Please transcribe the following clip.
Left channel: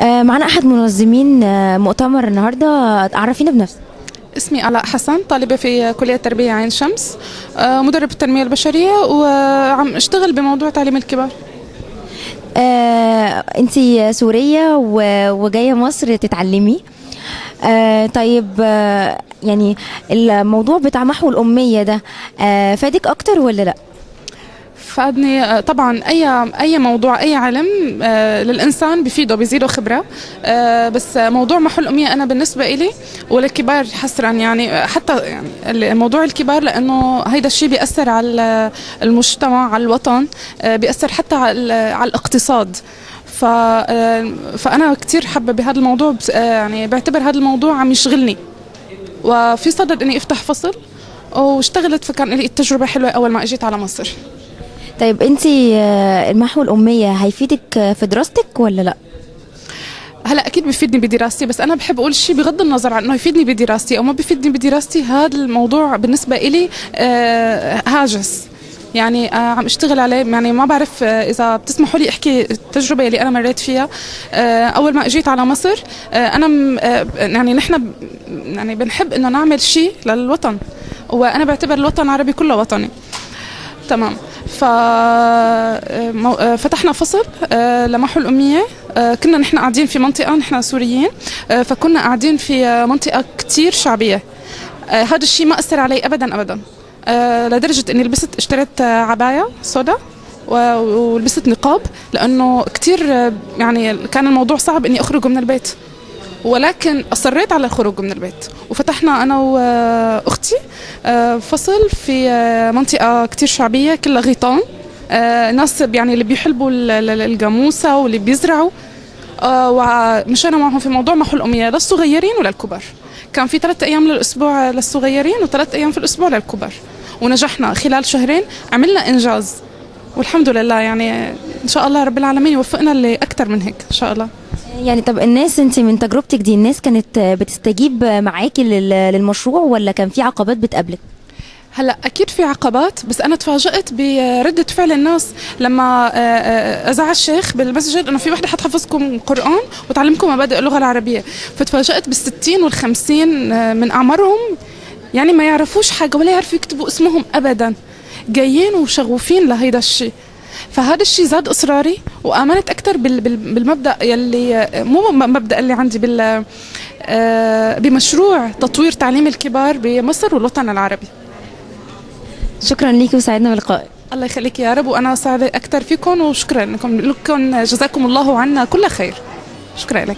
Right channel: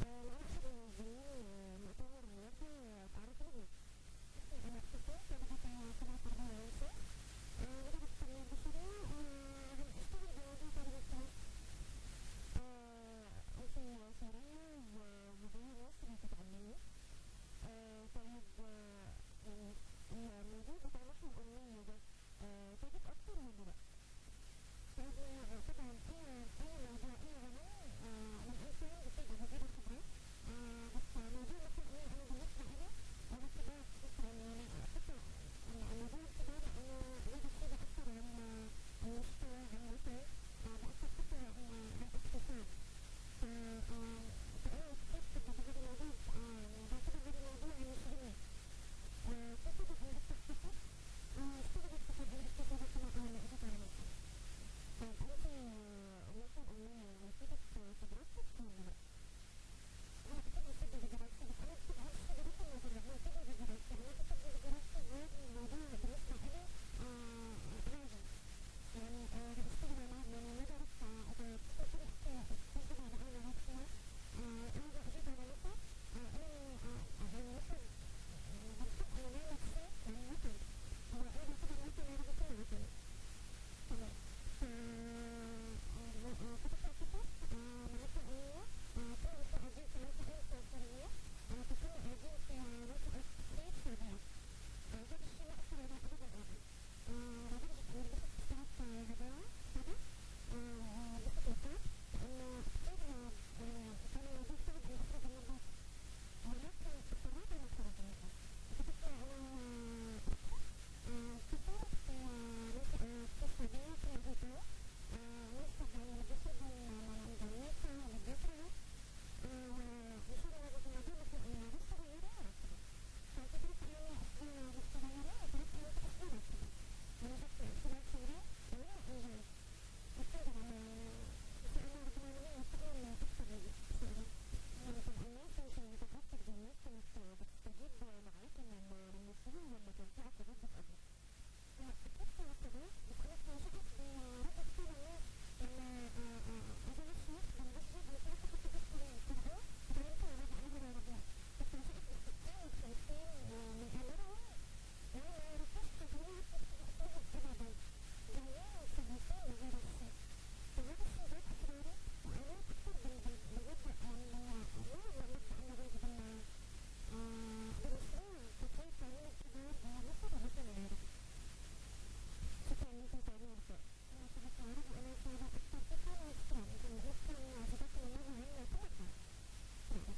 معنا أحد منظمين مؤتمر النهاردة. عرفينا بنفسك. اسمي آلاء حسن، طالبة في كلية تربية عين شمس، مدرب التنمية البشرية، وعم اشتغل بموضوع تعليم الكبار. أنتي سورية وجاية مصر تتعلمي. طيب، يعني الموضوع بتاع محو الأمية ده فادك أكتر ولا لأ؟ فادني طبعا. اي موضوع، اي علم للانسان بفيده، بيزيده خبره. بس موضوع محو الاميه انا بالنسبه إلي وللكبار حسرا، يعني حتى يعني موضوع الكبار، لانه هيدا الشيء بياثر على المجتمع، على الوطن، بياثر حتى على الاقتصاد. فانا كثير حابه بهذا الموضوع، يعني بعتبر هذا الموضوع عم يشغلني، وفي صدد اني افتح فصل واشتغلت. فكان لي التجربه حلوه اول ما اجيت على مصر. طيب، أنتي المحو الأمية هيفيدك في دراستك ولا لأ؟ هلا اكيد بيفيدني بدراستي، بس انا بحب اقول شيء بغض النظر عن انه يفيدني بدراستي او ما بيفيدني بدراستي. هذا الموضوع بالنسبه إلي هاجس، يعني عم اشتغل عليه. يعني ما بعرف اذا بتسمحوا لي احكي التجربه اللي انا مريت فيها. اول ما اجيت على مصر، انا يعني نحن يعني بنحب انه نعمل شيء للوطن، وانا بعتبر الوطن العربي كله وطني. تمام. فتحنا فصل لمحو الأمية. كنا نحن قاعدين في منطقة، نحن سوريين، فكنا قاعدين في منطقة كتير شعبية. هذا الشيء ما أثر علي أبدا أبدا، لدرجة إني اشتريت عباية سودا ولبست نقاب، لأنه كتير يعني كان الموضوع صعب إني أخرج من البيت، ولكن أصريت على الخروج من البيت. وفتحنا أنا وأختي فصل في منطقة كتير شعبية كلها غيطان، ناس يعني اللي بيحلبوا الجاموسة واللي بيزرعوا. ومشينا معهم في موضوع محو الأمية للصغيرين وللكبار. كان في 3 أيام للأسبوع للصغيرين و3 أيام في الأسبوع للكبار، ونجحنا خلال شهرين، عملنا إنجاز والحمد لله. يعني إن شاء الله رب العالمين يوفقنا لأكثر من هيك إن شاء الله. يعني طب الناس، انت من تجربتك دي، الناس كانت بتستجيب معاكي للمشروع ولا كان في عقبات بتقابلك؟ هلا اكيد في عقبات، بس انا تفاجأت بردة فعل الناس لما اذاع الشيخ بالمسجد انه في وحده حتحفظكم قرآن وتعلمكم مبادئ اللغة العربية. فتفاجأت بال60 وال50 من اعمارهم، يعني ما يعرفوش حاجة ولا يعرفوا يكتبوا اسمهم ابدا، جايين وشغوفين لهيدا الشيء. فهذا الشيء زاد اصراري، وامنت اكثر بالمبدا يلي مو مبدا اللي عندي بمشروع تطوير تعليم الكبار بمصر والوطن العربي. شكرا ليكي وسعدنا بلقائك. الله يخليك يا رب، وانا سعيده اكثر فيكم، وشكرا لكم جزاكم الله عنا كل خير. شكرا لك.